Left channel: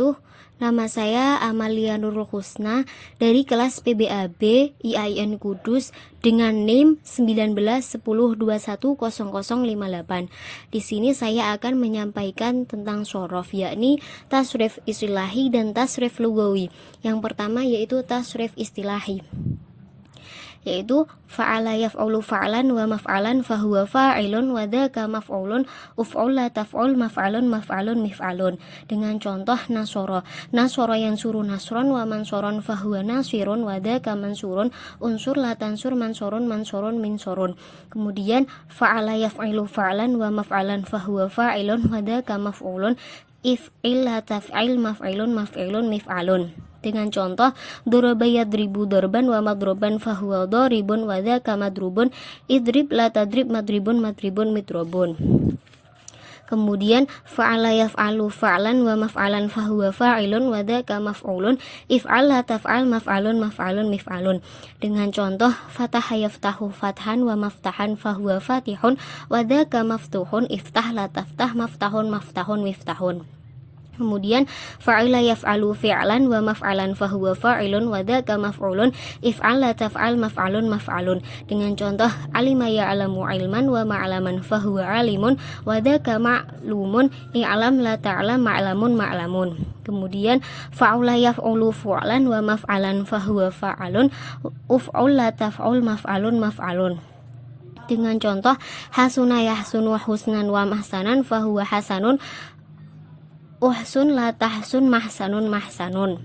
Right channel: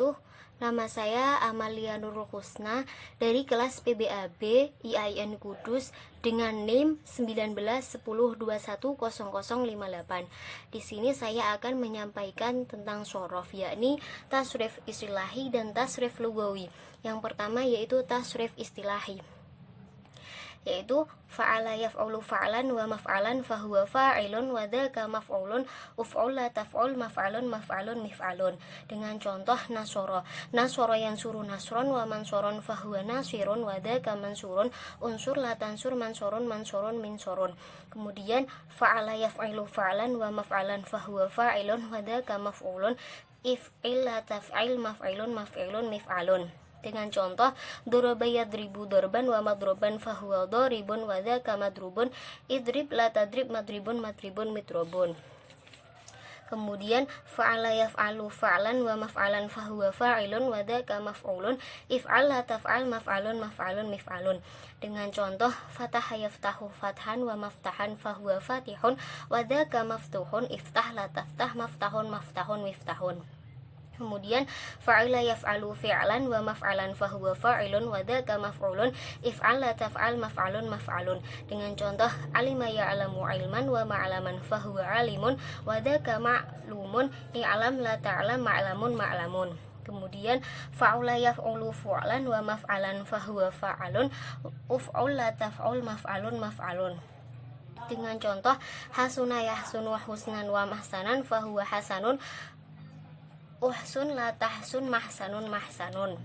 wabarakatuh. Nama saya Amalia Nurul Husna dari kelas PBAB IAIN Kudus dengan NIM 1910210058. Di sini saya akan menyampaikan tentang syorof, yakni tasrif istilahi dan tasrif lugawi. Yang pertama yaitu tasrif istilahi, yaitu fa'ala yaf'ulu fa'lan wa maf'alan fahuwa fa'ilun wa dzaka maf'ulun uf'ul la taf'ul maf'alun maf'alun mif'alun. Dengan contoh nasoro yang suruh nasron wa mansoron fahuwa nasirun wa dzaka mansurun unsur la tansur mansorun mansorun minsorun. Kemudian fa'ala yaf'ilu fa'lan wa maf'alan fahuwa fa'ilun wa dzaka maf'ulun if'il la taf'il maf'ilun maf'ilun mif'alun. Dengan contoh daraba yadribu darban wa madroban fahuwa daribun wa dzaka madrubun idrib la tadrib madribun madribun midrobun. Kemudian fa'ala yaf'alu fa'lan wa maf'alan fahuwa fa'ilun wa dzaka maf'ulun if'al la taf'al maf'alun maf'alun mif'alun. Dengan contoh fataha yaftahu fathan wa maftahan fahuwa fatihun wa dzaka maftuhun iftah la taftah maftahun maftahun miftahun. Kemudian fa'ila yaf'alu fi'lan wa maf'alan fahuwa fa'ilun wa dzaka maf'ulun if'al la taf'al maf'alun maf'alun. Dengan contoh alima ya'lamu ilman wa ma'laman fahuwa alimun wa dzaka ma'lumun i'lam la ta'lam ma'lamun ma'lamun. Kemudian fa'ula yaf'ulu fu'lan wa maf'alan fahuwa fa'alun uf'ul la taf'ul maf'alun maf'alun. Dengan contoh hasuna yahsunu husnan wa mahsanan fahuwa hasanun uhsun la tahsun mahsanun mahsanun.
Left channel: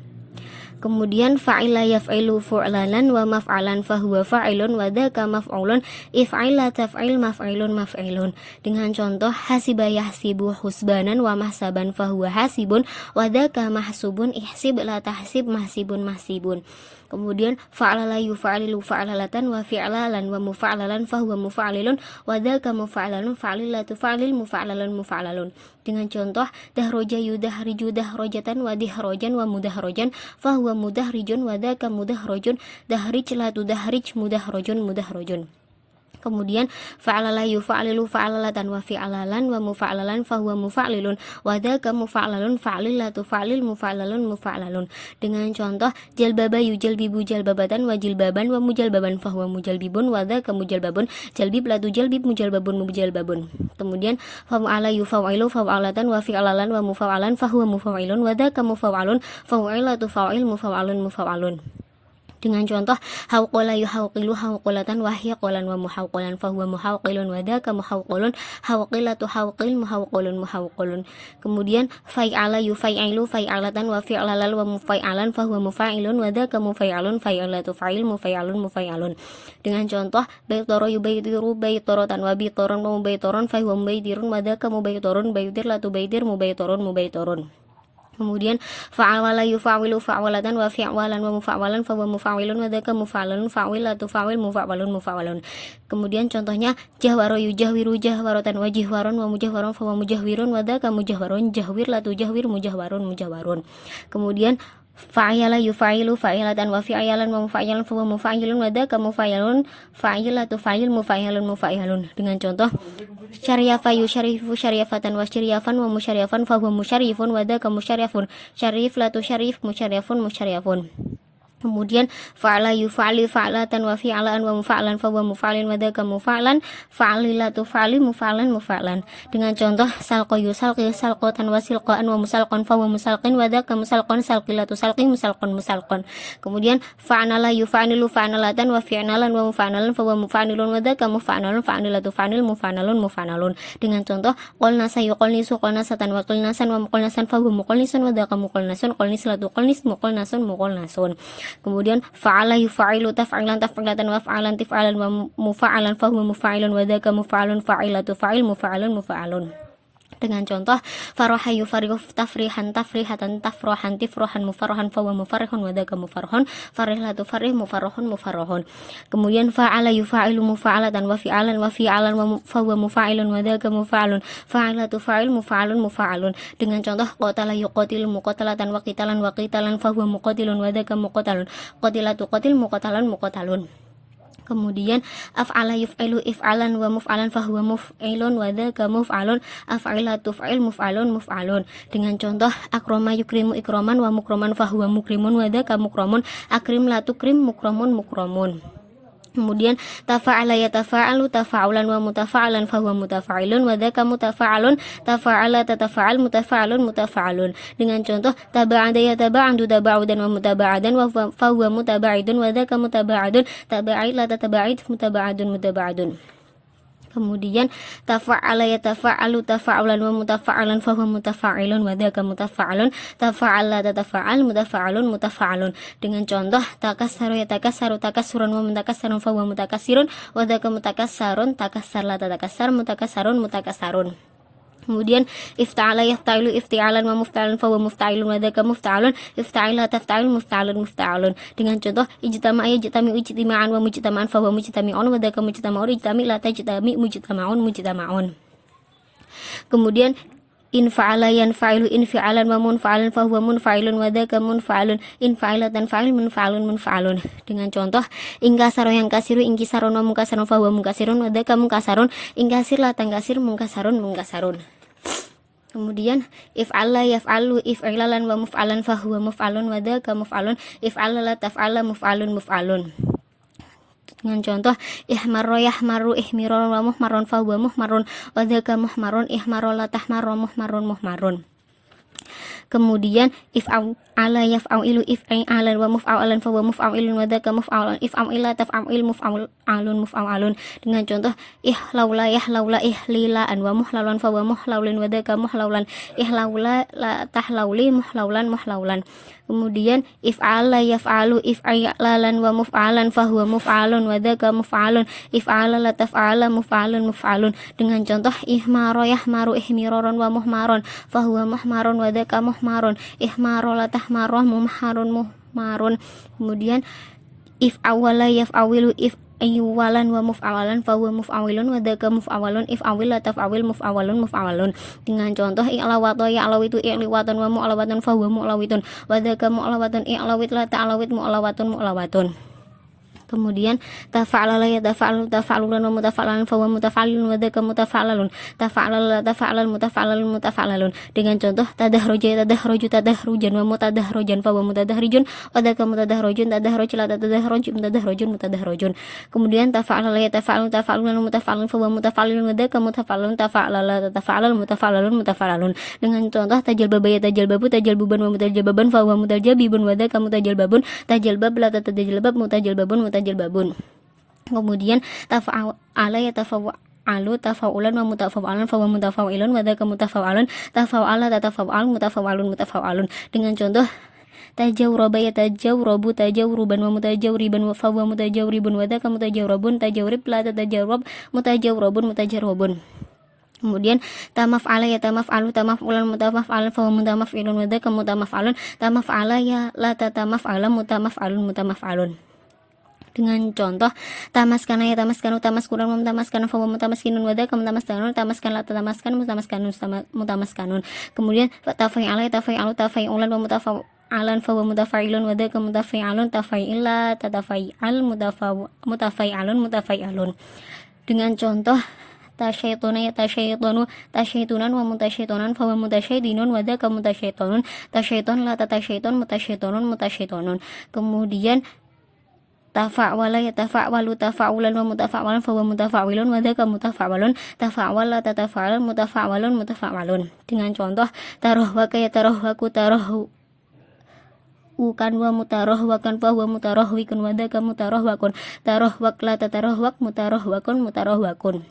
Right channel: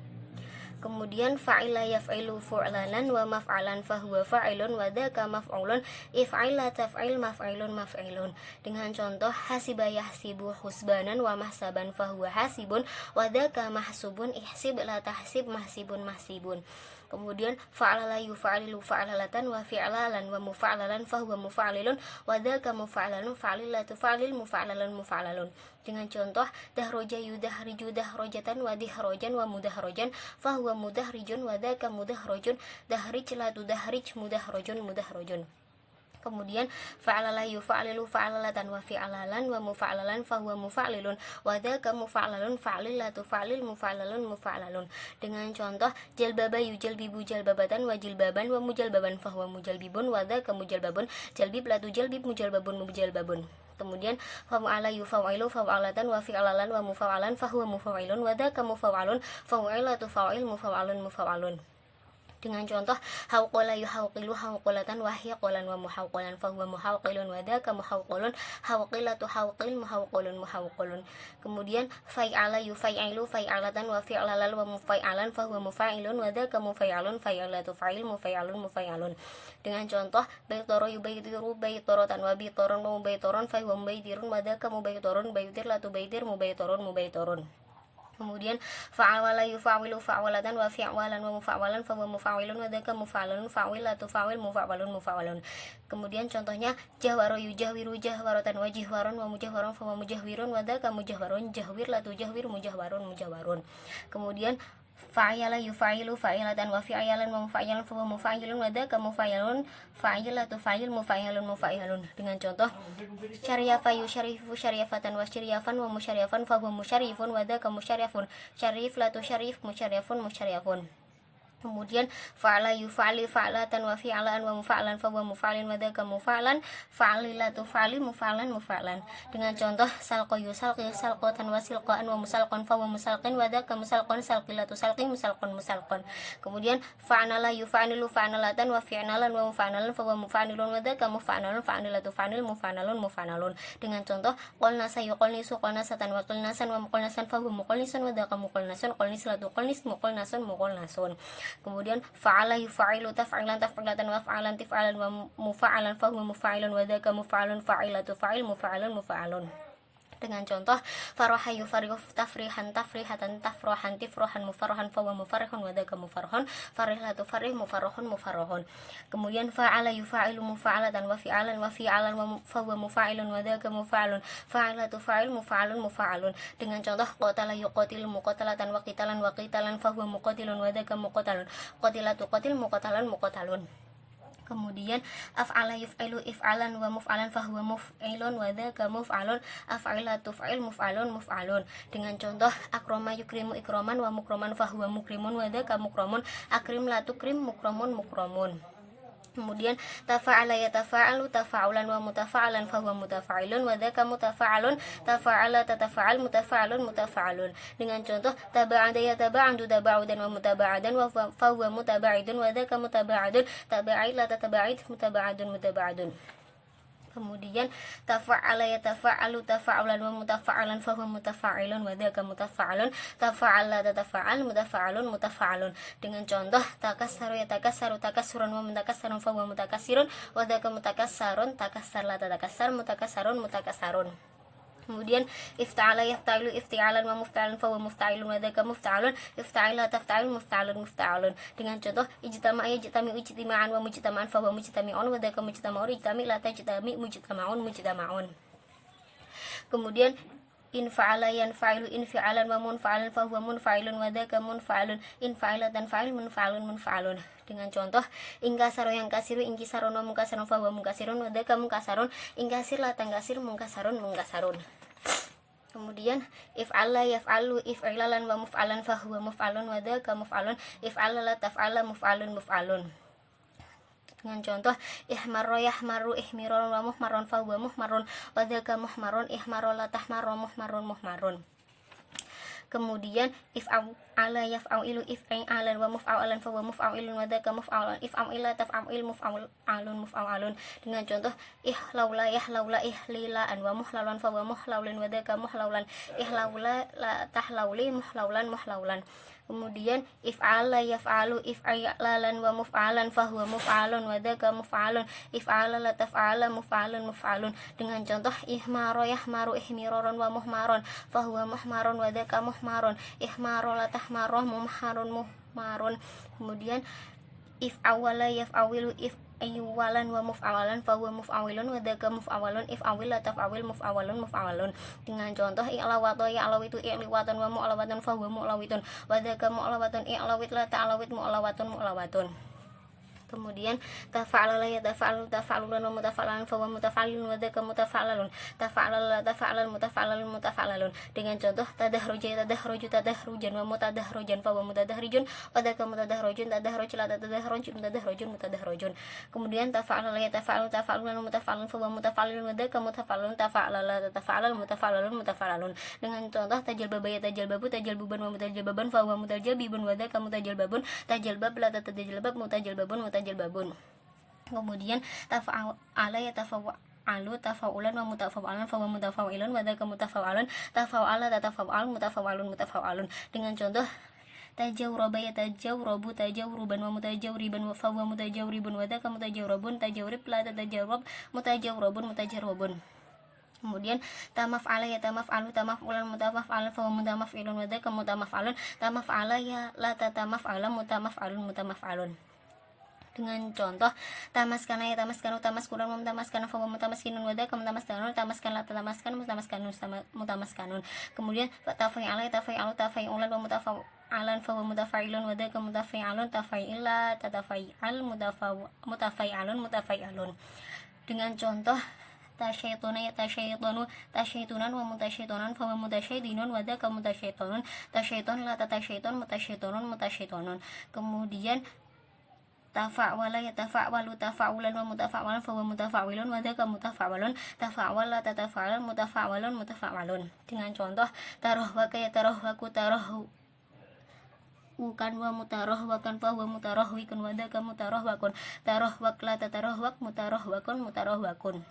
Kemudian fa'ila yaf'ilu fu'lanan wa maf'alan fahuwa fa'ilun wa dzaka maf'ulun if'il la taf'il maf'ilun maf'ilun. Dengan contoh hasiba yahsibu husbanan wa mahsaban fahuwa hasibun wa dzaka mahsubun ihsib la tahsib mahsibun mahsibun. Kemudian fa'ala yufa'lilu fa'lalatan wa fi'lalan wa mufa'lalan fahuwa mufa'lilun wa dzaka mufa'lalun fa'lilatu fa'lil mufa'lalun mufa'lalun. Dengan contoh dahroja yudahriju dahrojatan wa dihrojan wa mudahrojan fahuwa mudahrijun wa dzaka mudahrojun dahrij la tudahrij mudahrojun mudahrojun. Kemudian fa'ala yufa'lilu fa'lalatan wa fi'lalan wa mufa'lalan fahuwa mufa'lilun wa dzaka mufa'lalun fa'lilatu fa'lil mufa'lalun mufa'lalun. Dengan contoh jalbaba yujalbibu jalbabatan wa jilbaban wa mujalbaban fahuwa mujalbibun wa dzaka mujalbabun jalbib la tujalbib mujalbabun mujalbabun. Kemudian fa'ala yufa'lilu fa'latan wa fi'lalan wa mufa'alan fahuwa mufa'ilun wa dzaka mufa'alun fa'ilatu fa'il mufa'alun mufa'alun. Dengan contoh hauqala yuhauqilu hauqalatan wa hiqalan wa muhauqalan fahuwa muhauqilun wa dzaka muhauqilun hauqilatu hauqil muhauqilun muhauqilun. Kemudian fa'ala yufai'ilu fa'alatan wa fi'lalal wa mufai'alan fahuwa mufa'ilun wa dzaka mufai'alun fa'ilatu fa'il mufai'alun mufai'alun. Dengan contoh baitara yubaitiru baitaratan wa bitaran wa mubaitaran fahuwa mubaitirun wa dzaka mubaitarun baitir la tubaitir mubaitarun mubaitarun. Kemudian fa'ala yufa'wilu fa'walatan wa fi'walan wa mufa'walan fa wa mufa'wilun wa dzaka mufa'alun fa'wilatu fa'wil mufa'walun mufa'walun. Kemudian contohnya jahwaro yujahwiru jahwaratan wa jihwaron wa mujahwaron fa wa mujahwirun wa dzaka mujahwarun jahwir la tujahwir mujahwarun mujahwarun. Kemudian fa'ala yufa'ilu fa'ilatan wa fi'alan wa mufa'ilan fa wa mufa'ilun wa dzaka mufa'ilun fa'ilatu fa'il mufa'ilun mufa'ilun. Dengan contoh syariyafa yusyarifu syariyafatan wa syariyafan wa musyariyafan fa huwa musyarifun wa dzaka musyarifun syarif la tusyarif musyarifun musyarifun. Kemudian fa'ala yufa'li fa'latan wa fi'alan wa mufa'lan fa wa mufa'lin wa dzaka mufa'lan fa'ilatu fa'li mufa'lan mufa'lan. Dengan contoh salqa yusalqi salqatan wa silqan wa musalqan fa wa musalqin wa dzaka musalqan salqilatu salqin musalqan musalqan. Kemudian fa'ala yufa'lilu fa'alatan wa fi'alan wa mufa'lan fa wa mufa'lilun wa dzaka mufa'lan fa'ilatu fa'il mufa'lun mufa'lun. Dengan contoh qulna sayuqalnisu qulnasatan wa qulnasan wa muqalnasan fa huwa muqalnisun wa dzaka muqalnasun qulnislatu qulnis muqalnasun muqalnasun. Kemudian fa'ala yufa'ilu taf'ilan taf'ilatan wa fa'alan tif'alan wa mufa'alan fa huwa mufa'ilun wa dzaka mufa'alun fa'ilatu fa'il mufa'alun mufa'alun. Dengan contoh faraha yufarihu tafrihan tafrihatan tafrohan tifrohan mufarrohan fa wa mufarrihun wa dzaka mufarrohun farihlatu farih mufarrohun mufarrohun. Kemudian fa'ala yufa'ilu mufa'alatan wa fi'alan wa fi'alan wa fa wa mufa'ilun wa dzaka mufa'alun fa'ilatu fa'il mufa'alun mufa'alun. Dengan contoh qatala yuqatilu muqatalatan wa qitalan fa huwa muqatilun wa dzaka muqatalun qatilatu qatil muqatalan muqatalun. Kemudian af'ala yuf'ilu if'alan wa muf'alan fahuwa muf'ilun wa dzaka muf'alun, af'ila tuf'il muf'alun muf'alun. Dengan contoh akrama yukrimu ikraman wa mukraman fahuwa mukrimun wa dzaka mukramun, akrim la tukrim mukramun mukramun. Kemudian tafa'ala yatafa'alu tafa'ulan wa mutafa'alan fahuwa mutafa'ilun wa dzaka mutafa'alun, tafa'ala tatafa'al mutafa'alun mutafa'alun. Dengan contoh taba'ada yataba'adu taba'udan wa mutaba'adan wa fahuwa mutaba'idun wa dzaka mutaba'adun, taba'id la tataba'id mutaba'adun mutaba'adun. Kemudian tafa'ala yatafa'alu tafa'ulan wa mutafa'alan fahuwa mutafa'ilun wa dzaka mutafa'alun, tafa'ala tatafa'al mutafa'alun mutafa'alun. Dengan contoh takassaru yatakassaru takassuran wa mutakassarun fahuwa mutakassirun wa dzaka mutakassarun, takassar la tatakassar mutakassarun mutakassarun. Kemudian ifta'ala yafta'ilu ifti'alan wa mufta'alan fahuwa mufta'ilun wa dzaka mufta'alun, ifta'ila tafta'il mufta'alun mufta'alun. Dengan contoh ijtama'a yajtami'u ijtima'an wa mujtama'an fahuwa mujtami'un wa dzaka mujtama'un, ijtami' la tajtami' mujtama'un mujtama'un. Kemudian infa'ala yanfa'ilu infi'alan wa munfa'alan fahuwa munfa'ilun wa dzaka munfa'alun, infa'ila tanfa'il munfa'alun munfa'alun. Dengan contoh ingkasaro yang kasiru ingkisarun wa mungkasarun fahuwa mungkasirun wa dzaka mungkasarun, ingkasir la tangkasir mungkasarun mungkasarun. Kemudian if'ala yaf'alu if'ilalan wa muf'alan fahuwa muf'alun wa dzaka muf'alun, if'ala la taf'ala muf'alun muf'alun. Dengan contoh ihmarra yahmaru ihmiron wa muhmarun fahuwa muhmarun wa dzaka muhmarun, ihmarra la tahmarra muhmarun muhmarun. Kemudian if'ala yaf'alu if'ilan wa muf'alan fahuwa muf'alun wa dzaka muf'alun, if'ala taf'il muf'alun muf'alun. Dengan contoh ihlaula yahlaula ihlilaan wa muhlalan fahuwa muhlaulun wa dzaka muhlaulan, ihlaula la tahlauli muhlaulan muhlaulan. Kemudian if'ala yaf'alu if'ilalan wa muf'alan fahuwa muf'alun wa dzaka muf'alun, if'ala la taf'ala muf'alun muf'alun. Dengan contoh ihmara yahmaru ihmiraron wa muhmaron fahuwa muhmarun wa dzaka muhmarun, ihmara la tahmarra muhmarun muhmarun. Kemudian if'awala yaf'awilu if'iwalan wa muf'awalan fahuwa muf'awilun wa dzaka muf'awalun, if'awil la taf'awil muf'awalun muf'awalun. Dengan contoh i'lawata ya'lawitu i'liwatan wa mu'lawatan fahuwa mu'lawitun wa dzaka mu'lawatun, i'lawit la ta'lawit mu'lawatun mu'lawatun. Kemudian tafa'ala yatafa'alu tafa'alulan wa mutafa'alan fahuwa mutafa'alun wa dzaka mutafa'alun, tafa'ala tafa'alan mutafa'alalun mutafa'alalun. Dengan contoh tadahraja tadahruju tadahrujan wa mutadahrajan fahuwa mutadahrijun wa dzaka mutadahrujun, tadahraj la tadahraj mutadahrujun mutadahrujun. Kemudian tafa'ala yatafa'alu tafa'alulan wa mutafa'alan fahuwa mutafa'alun wa dzaka mutafa'alun, tafa'ala la tatafa'alal mutafa'alalun mutafa'alalun. Dengan contoh tajalbaba yatajalbabu tajalbuban wa mutajalbaban fahuwa mutajalbibun wa dzaka mutajalbabun, tajalbab la tatajalbab mutajalbabun mutajalbabun. Kemudian tafa'ala yatafa'alu tafa'ulan wa mutafa'alan fahuwa mutafa'ilun wa dzaka mutafa'alun, tafa'ala tatafa'al mutafa'alun mutafa'alun. Dengan contoh tajawraba yatajawrabu tajawruban wa mutajawriban wa fahuwa mutajawribun wa dzaka mutajawrabun, tajawrib la tatajawrab mutajawrabun mutajarrabun. Kemudian tamaf'ala yatamaf'alu tamaf'ulan mutamaf'alan fahuwa mutamaf'ilun wa dzaka mutamaf'alun, tamaf'ala ya la tatamaf'ala mutamaf'alun mutamaf'alun. Dengan contoh tamaskana ya tamaskanu tamaskuran wa mutamaskanun fahuwa mutamaskinun wa dzaka mutamaskanun, tamaskan la tamaskan mutamaskanun mutamaskanun. Kemudian tafa'ala ya tafa'alu tafa'ulan wa mutafa'alan fahuwa mutafa'ilun wa dzaka mutafa'alun, tafa'ila tatafa'al mutafa'alun mutafa'alun. Dengan contoh tasyaituna ya tasyaitunu tasyaitunan wa mutasyaitunan fahuwa mutasyaitinun wa dzaka mutasyaitunun, tasyaiton la tasyaiton mutasyaitonun mutasyaitonun. Kemudian tafa'wala yatafa'walu tafa'ulan wa mutafa'walan fahuwa mutafa'wilun wa dzaka mutafa'walun, tafa'wala tatafa'al mutafa'walun mutafa'walun. Dengan contoh tarahwaka yatarahwaku tarahwakan wa mutarahwakan fahuwa mutarahwikun wa dzaka mutarahwakun, tarahwak la tatarahwak mutarahwakun mutarahwakun.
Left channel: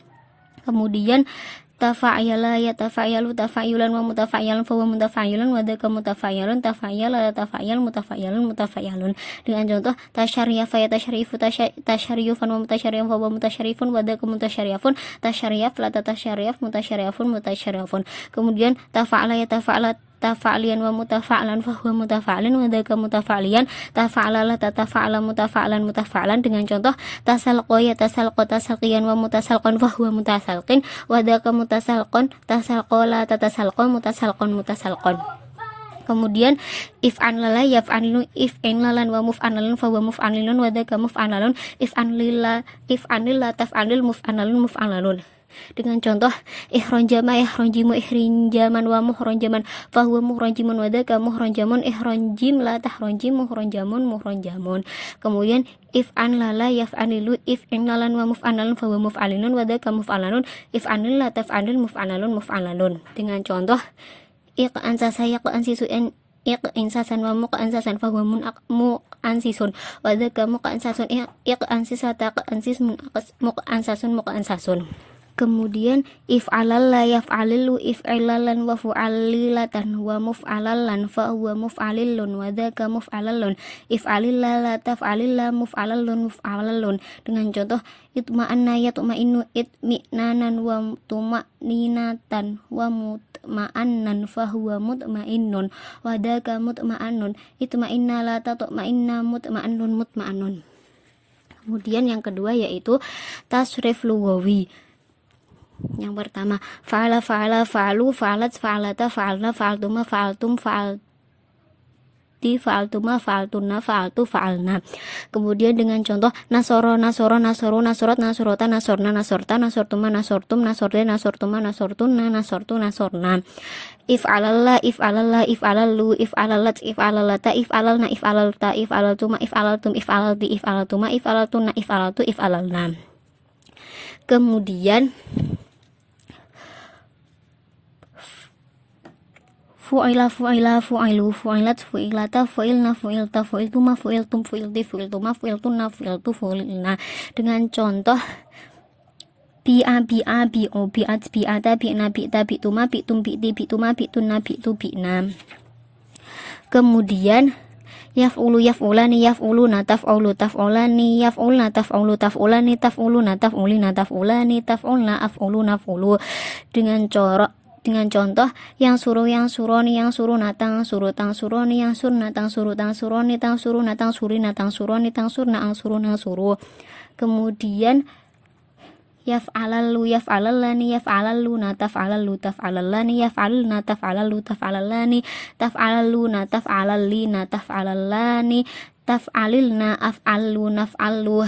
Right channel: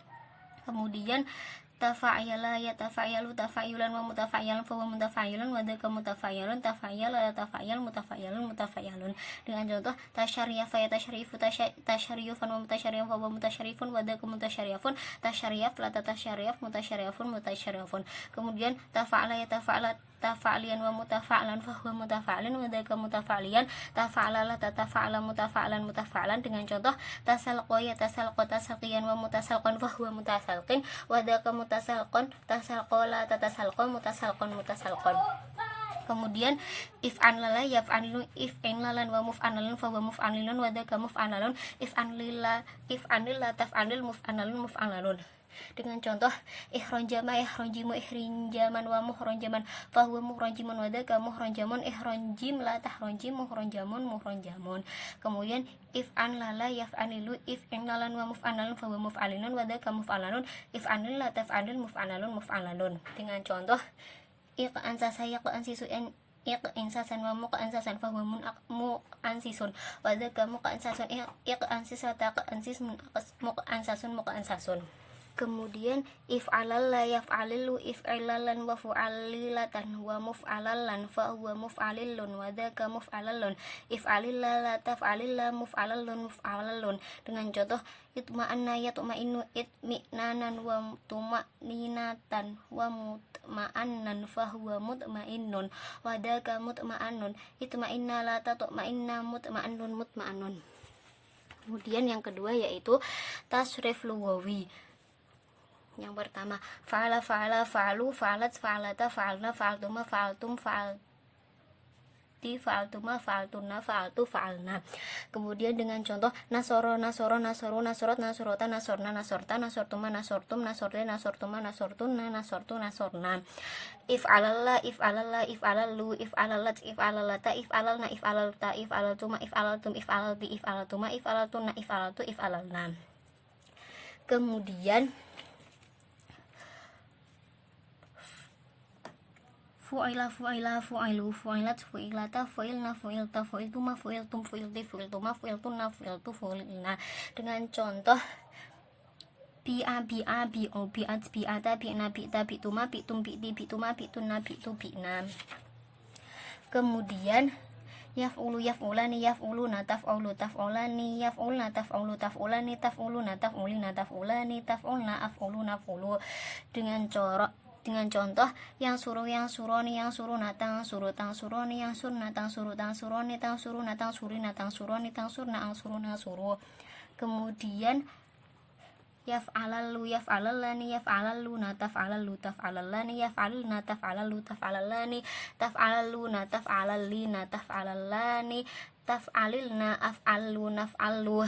Kemudian tafa'yala yatafa'yalu tafa'yulan wa mutafa'yalan fahuwa mutafa'yalun wa dzaka mutafa'yalun, tafa'yala tafa'yal mutafa'yalun mutafa'yalun. Dengan contoh tasyaryyafa yatasyarrifu tasyaryufan wa mutasyarrifun fahuwa mutasyarrifun wa dzaka mutasyarrifun, tasyaryaf la tasyarrif mutasyarrifun mutasyarrifun. Kemudian tafa'ala yatafa'ala tafa'lian wa mutafa'lan fahuwa mutafa'lin wa dzaka mutafa'lian, tafa'ala la tatafa'ala mutafa'lan mutafa'lan. Dengan contoh tasalqa yatasalqa tasalqiyan wa mutasalqan fahuwa mutasalqin wa dzaka mutasalqan, tasalqa la tatasalqa mutasalqan mutasalqan. Kemudian if anlala yaf'alilu if anlalan wa muf'alalun fa wa muf'alilun wa dzaka muf'alalun if anlila taf'alil muf'alalun. Dengan contoh ihronjama ihronjimu ihrinjaman wa muhronjaman fa huwa muhronjimun wa dzaka muhronjamun ihronjim la tahronjim muhronjamun. Kemudian if anlala yaf'alilu if anlalan wa muf'alalun fa huwa muf'alilun wa dzaka muf'alalun if anlila taf'alil muf'alalun. Dengan contoh iq'ansa iq'insasan wa muq'ansasan fa huwa muq'ansisun wa dzaka muq'ansasun iq'ansisata muq'ansasun. Kemudian if alal la yaf'alilu if ilalan wa fu'alilatan wa muf'alalan fa huwa muf'alilun wa dzaka muf'alalun if alilla la taf'alilla muf'alalun. Dengan contoh itma'anna yatma'innu itminanan wa tuma'ninatan wa mutma'annan fa huwa mutma'innun wa dzaka mutma'annun itma'inna la tatma'inna mutma'annun. Kemudian yang kedua yaitu tasrif lughawi. Yang pertama fa'ala fa'alu fa'alat fa'alata fa'alna fa'altuma fa'altum fa'alti fa'altuma fa'altunna fa'altu fa'alna. Kemudian dengan contoh nasoru nasorat nasorota nasorna nasorta nasortuma nasortum nasorte nasortuma nasortunna nasortu nasorna. If alalla if alalu if alalat if alalata if alalna if alalta if alaltuma if alaltum if alalti if alaltuma if alaltunna if alaltu if alalna. Kemudian fu'ila fu'ilu fu'ilat fu'ilata fu'ilna fu'ilta fu'iltuma fu'iltum fu'ilti fu'iltuma fu'iltunna fu'iltu fu'ilna. Dengan contoh bi'a bi'o bi'at bi'ata bi'na bi'ta bi'tuma bi'tum bi'ti bi'tuma bi'tunna bi'tu bi'na. Kemudian yaf'ulu yaf'ulani yaf'uluna taf'ulu taf'ulani yaf'ulna taf'ulu taf'ulani taf'uluna taf'ulina taf'ulani taf'ulna af'uluna af'ulu. Dengan contoh yang suruh suroni yang suruh natang suruh tang suroni yang suruh natang suroni tang suruh natang suri natang suroni tang surna ang suruh nang suruh. Kemudian yaf'alallu yaf'alallani yaf'alalluna taf'alallu taf'alallani yaf'alulna taf'alallu taf'alallani taf'alalluna taf'alallina taf'alallani taf'alilna af'allu naf'allu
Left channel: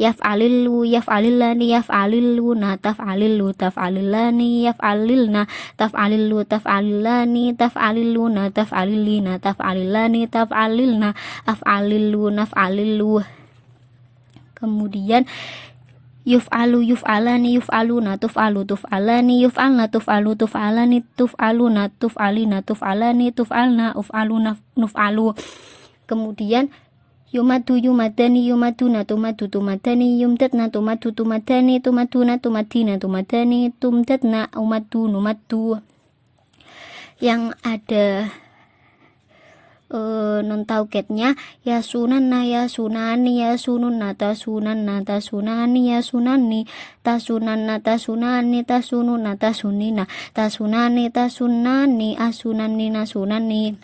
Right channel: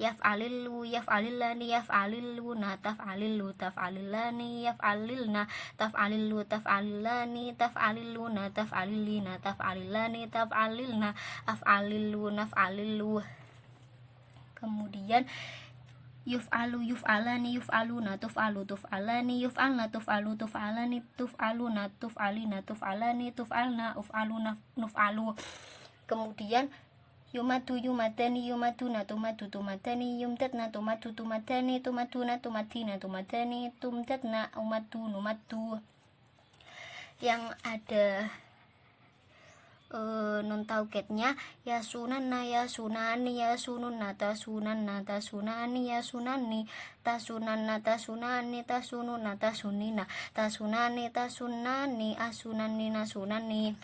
yaf'alillu yaf'alillani yaf'alilluna taf'alillu taf'alillani yaf'alilna taf'alillu taf'alillani taf'alilluna taf'alillina taf'alillani taf'alilna af'alillu naf'alillu. Kemudian yuf'alu yuf'alani yuf'aluna tuf'alu tuf'alani yuf'alna tuf'alu tuf'alani tuf'aluna tuf'alina tuf'alani tuf'alna uf'alu nuf'alu. Kemudian yumatu yumatani yumatuna tumatu tumatani yumtatna tumatu tumatani tumatuna tumatina tumatani tumtatna umatu numatu. Yang ada non tauketnya ya sunanna ya sunani ya sununna tasunanna tasunani ya sunani tasunanna tasunani tasununa tasunina tasunani tasunani asunani nasunani.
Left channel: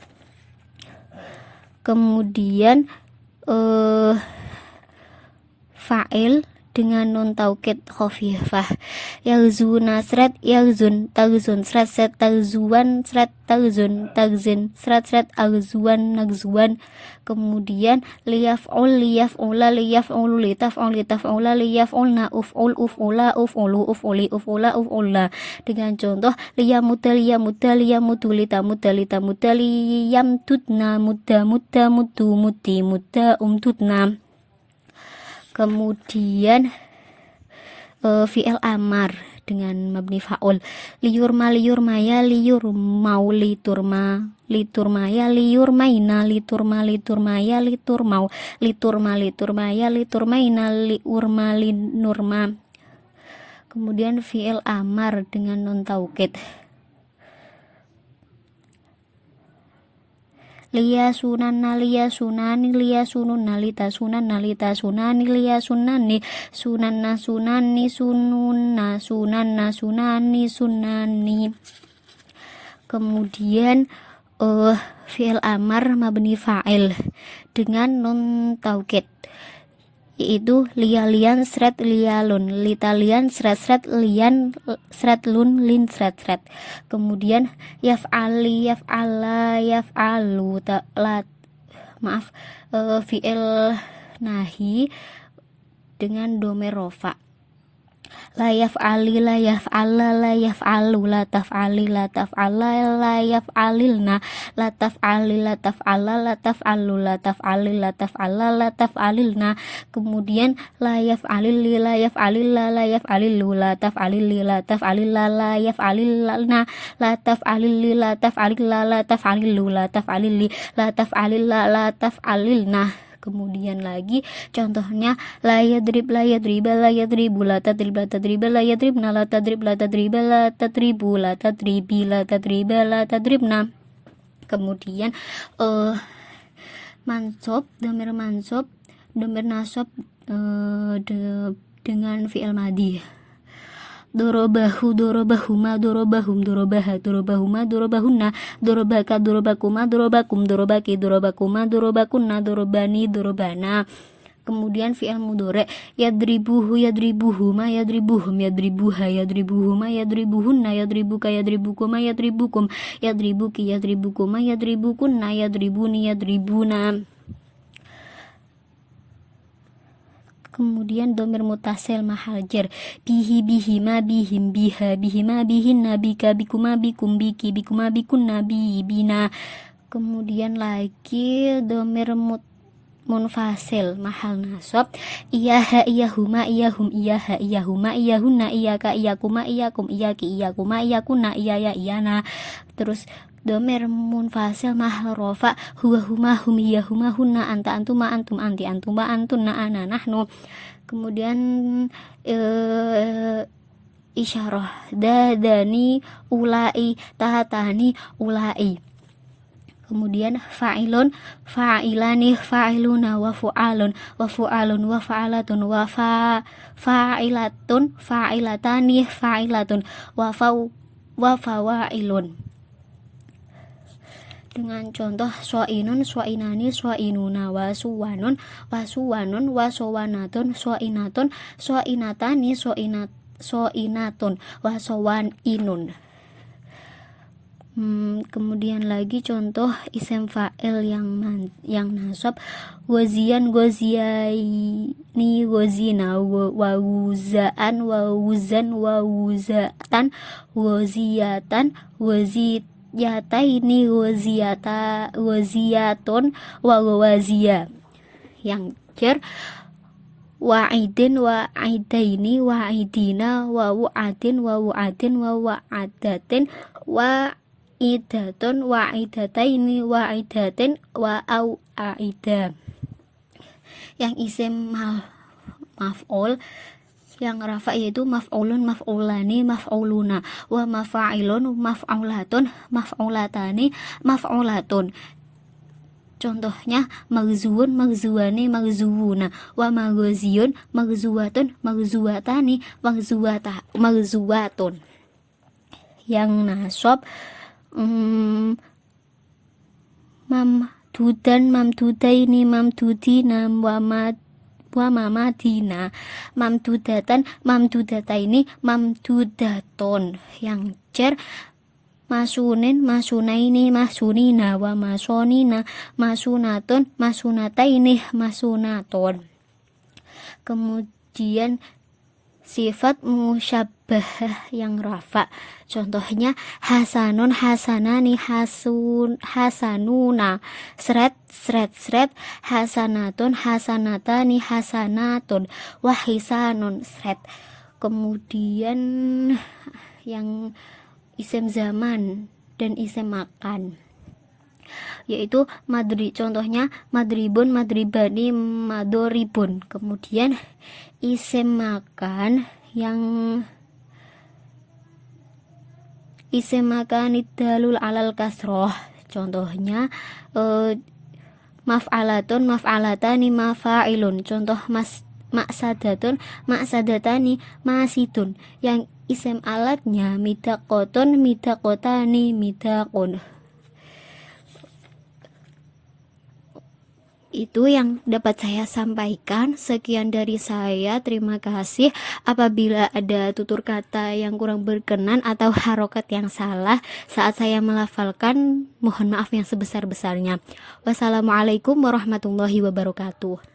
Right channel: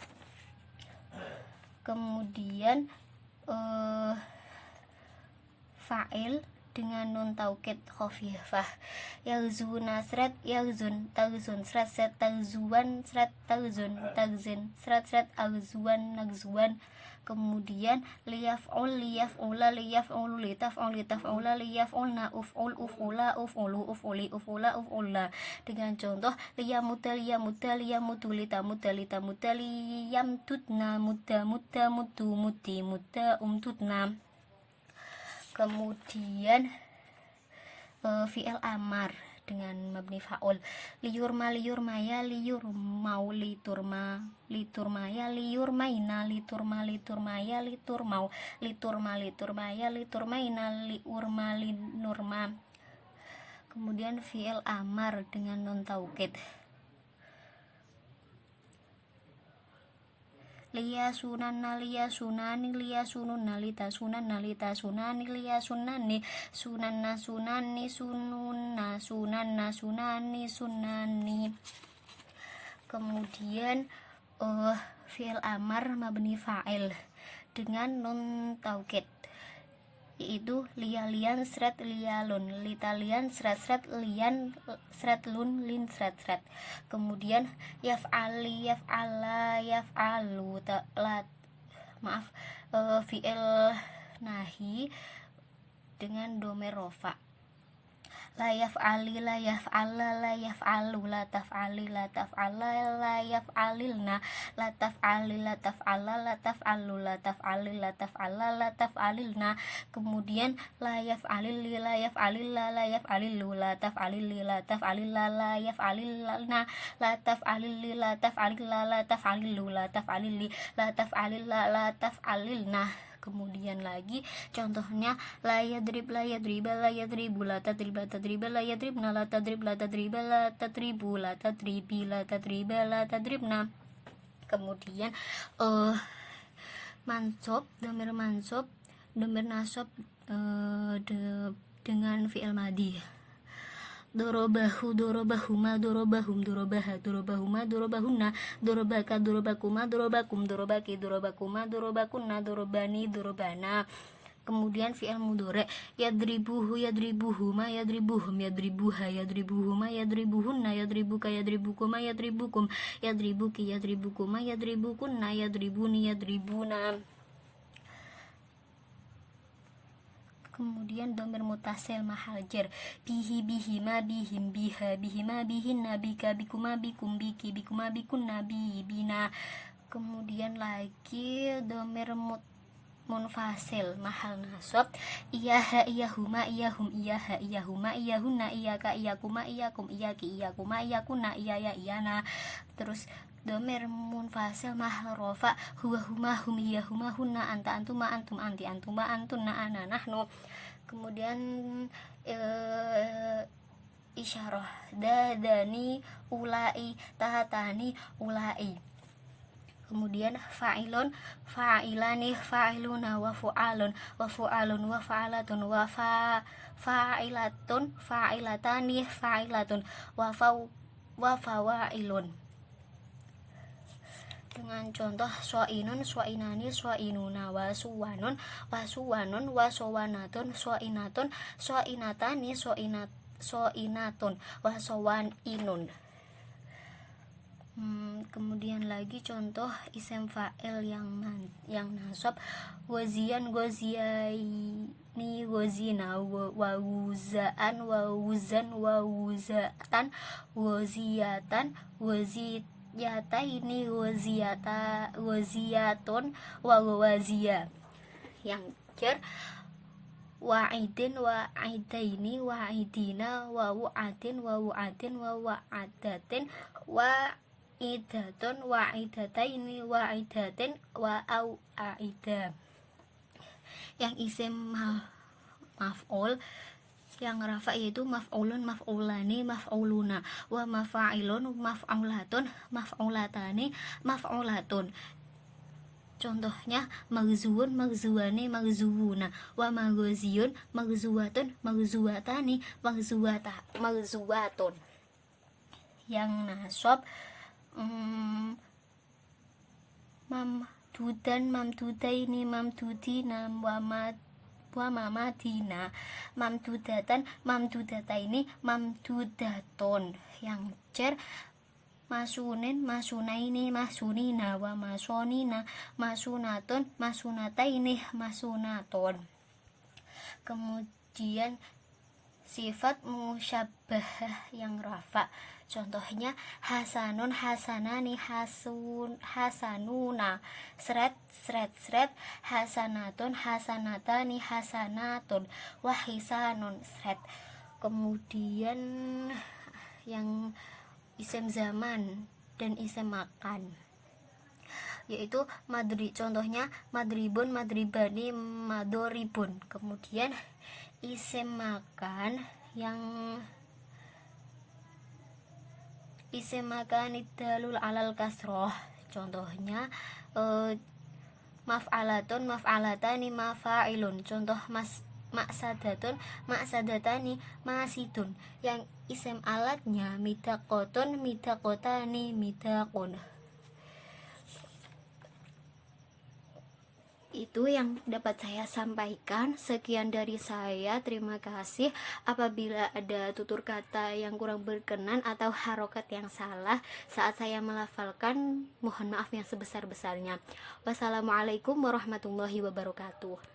Kemudian fa'il dengan nun taukid khafifah yalzuna srat yalzun tagzun srat srat tagzuan srat tagzun tagzin srat srat agzuan nagzuan. Kemudian liyaf'ul liyaf'ula liyaf'ulu litaf'ul litaf'ula liyaf'ulna uf'ul uf'ula uf'ulu uf'uli uf'ula uf'ula. Dengan contoh liyamuta liyamuta liyamutu litamuta litamuta liyamtutna mutta mutta mutu muti mutta umtutna. Kemudian fi'il amar dengan mabni fa'ul liyurma liyurmaya liyurmau liturma liturmaya liyurmaina liturma liturmaya liturmau liturma liturmaya liturmaina liurma linurma. Kemudian fi'il amar dengan nun taukid liya sunanna liya sunani liya sununna lita sunanna lita sunani liya sunani sunanna sunani sununna sunanna sunani sunani. Kemudian fi'il amar mabni fa'il dengan nun taukid yaitu lialian sret lialun, litalian sret sret lian sret lun lin sret sret. Kemudian yaf'ali yaf'ala yaf'alu fi'il nahi dengan domer rofa. La yaf'ali la yaf'ala la yaf'alu la taf'ali la taf'ala la yaf'alilna la taf'ali la taf'ala la taf'alu la taf'ali la taf'ala la taf'alilna. Kemudian la yaf'alil la yaf'alilla la yaf'alilu la taf'alili la taf'alilla la yaf'alilna la taf'alili la taf'alilla la taf'alilu la taf'alili la taf'alilla la taf'alilna. Kemudian lagi contohnya la yadrib la yadriba la yadribu la tadrib la tadriba la yadribna la tadrib la tadriba la tadribu la tadribi la tadriba la tadribna. Kemudian mansob, domir mansob, domir nasob dengan fi'il madhi. Dorobahu dorobahuma dorobahum dorobaha dorobahuma dorobahunna dorobaka dorobakuma dorobakum dorobaki dorobakuma dorobakunna dorobani dorobana. Kemudian fi'il mudhari yadribuhu yadribuhuma yadribuhum yadribuha yadribuhuma yadribuhunna yadribuka yadribukuma yadribukum yadribuki yadribukuma yadribukunna yadribuni yadribuna. Kemudian domir mutasil mahal jar bihi bihima bihim biha bihima bihinna bika bikuma bikum biki bikuma bikunna bina. Kemudian lagi domir munfasil mahal nasab iyaha iyahuma iyahum iyaha iyahuma iyahunna iyaka iyakuma iyakum iyaki iyakuma iyakunna iyaya iyana. Terus domir munfasil mahal rofa huwa huma hum iya huma hunna anta antuma antum anti antuma antunna ana nahnu. Kemudian isyarah dadani ulai tahatani ulai. Kemudian fa'ilun fa'ilani fa'iluna wa fu'alun wa fu'alun wa fa'alatun wa fa'ilatun fa'ilatani fa'ilatun wa fawa'ilun. Dengan contoh suainun suainani suainuna wasuwanun wasuwanun wasowanatun suainatun suainatani suainatun wasowaninun. Kemudian lagi contoh isem fa'il yang nasab wazian waziaini wazina wawuzaan wawuzan wawuzatan waziyatan waziyataini waziyatun wawazia. Yang jar wa'idin wa'idaini wa'idina wa'u'adin wa'u'adin wa'adatin wa'idatun wa'idataini wa'idatin wa'au'aida. Yang isim maf'ul yang rafa yaitu maf'ulun maf'ulani maf'uluna wa mafa'ilun maf'ulatun maf'ulatani maf'ulatun. Contohnya maghzuun maghzuwani maghzuwuna wa maghziyun maghzuwatun maghzuwatani maghzuwatun. Yang nasab mamdudan mamdudaini mamdudina wa mamadina mamdudatan mamdudataini mamdudaton. Yang jar masunin masunaini masunina wa masonina masunatun masunataini masunaton. Kemudian sifat musyabbahah yang rafa, contohnya hasanun hasanani hasanuna sret sret sret hasanatun hasanatani hasanatun wahisanun sret. Kemudian yang isim zaman dan isim makan yaitu contohnya madribun madribani madoribun. Kemudian isim makan yang isim makan idalul alal kasroh, contohnya maf'alatun maf'alatani mafa'ilun. Contoh maksadatun maksadatani masidun. Yang isim alatnya midaqotun midaqotani midaqun. Itu yang dapat saya sampaikan. Sekian dari saya, terima kasih. Apabila ada tutur kata yang kurang berkenan atau harokat yang salah saat saya melafalkan, mohon maaf yang sebesar-besarnya. Wassalamualaikum warahmatullahi wabarakatuh.